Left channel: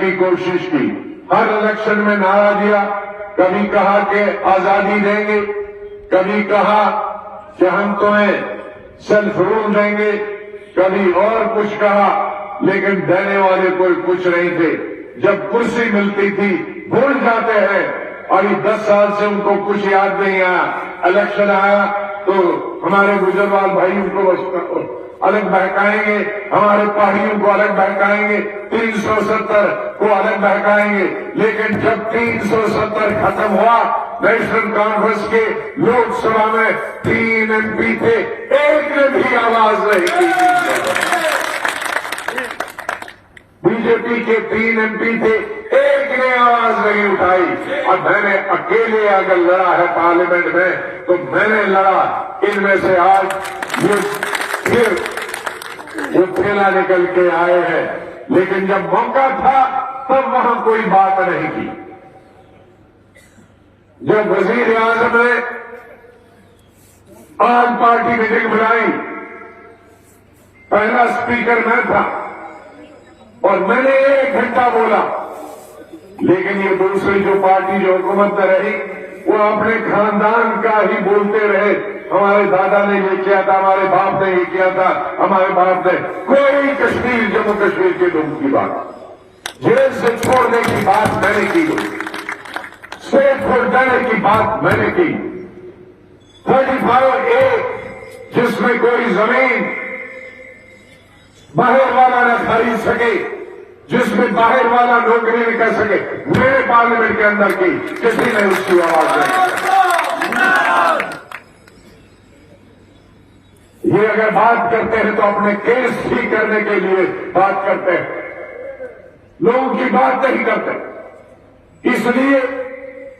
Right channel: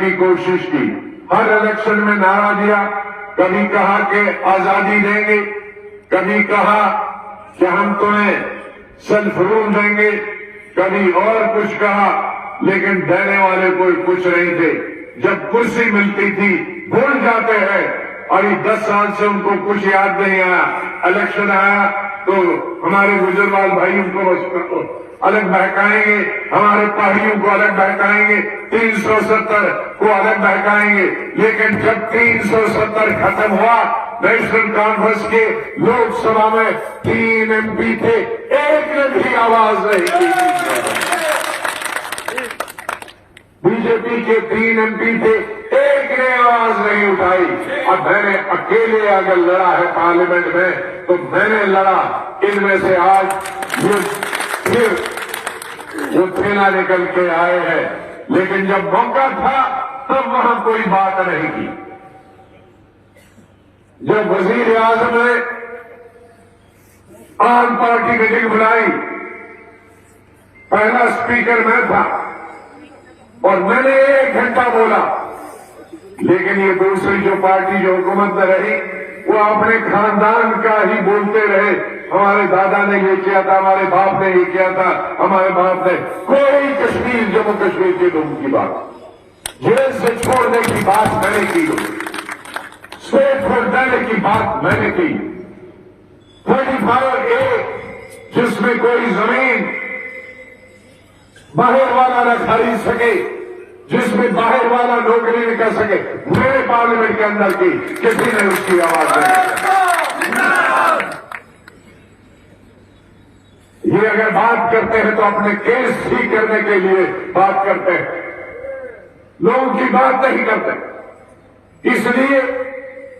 की कोशिश की, हर इलेक्शन में नारा दिया, कभी कहा कि आजादी देंगे, कभी कहा कि हम तुम्हें सेल्फ रूल देंगे, कभी और कुछ कहा, लेकिन देने वाले कोई कुछ नहीं थे। जब कुर्सी मिलती थी भूल जाते हैं। अभी 10 साल से उनको कुछ याद नहीं आया। इलेक्शन आया तो हमारे गुजरवाल भाइयों को अलग बहकाएंगे, हमारे पहाड़ियों को अलग बहकाएंगे, 370 को अलग बहकाएंगे। लेकिन जब 370 खत्म हुआ, नेशनल कॉन्फ्रेंस के लोकसभा में 3 MP थे, एक ने भी आवाज नहीं की। बीजेपी के 3 MP थे, एक ने आवाज नहीं उठाई। अब मैंने अकेले अगर लड़ा है पार्लियामेंट में तो मैंने लड़ा। इनमें से आज फिर वो प्रेरणा निकल के आए हैं, लेकिन जब मौका था तब वहां कोई बात नहीं की। जब वजीर आजम ने आम पार्टी मीटिंग बुलाई, पहला स्पीकर मैं था और मैंने 1 घंटा बोला, लेकिन ये दूसरी जो पार्टी जो हुकूमत में रही वो अपने खानदान का ही बोलते रहे। हमारे दादा ने ये किया था, हमारे बाप ने ये किया था, हमारे बाप ने कोई कश्मीर जम्मू कश्मीर के लोगों की बात, जेल से छोड़ने की बात मैंने की, स्टेट छोड़ देने की बात मैंने की। 35A जिसमें कोई जमीन बाहर वाला न खरीद सके, जिसमें बाहर वाला नौकरी नहीं कर सके, मेरे पार्लियामेंट के अंदर की किसी ने उसकी आवाज नहीं। ये अगर बात करते हैं तो अपने केस ठीक करने के लिए बात करते हैं, लोगों की बात नहीं करते। इसलिए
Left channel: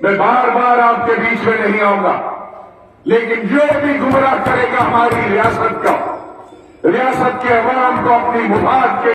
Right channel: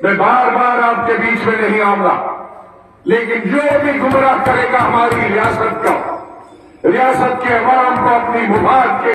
मैं बार बार आपके बीच में नहीं आऊंगा, लेकिन जो भी गुमराह करेगा हमारी रियासत का, रियासत के अवाम को अपनी मुबाद के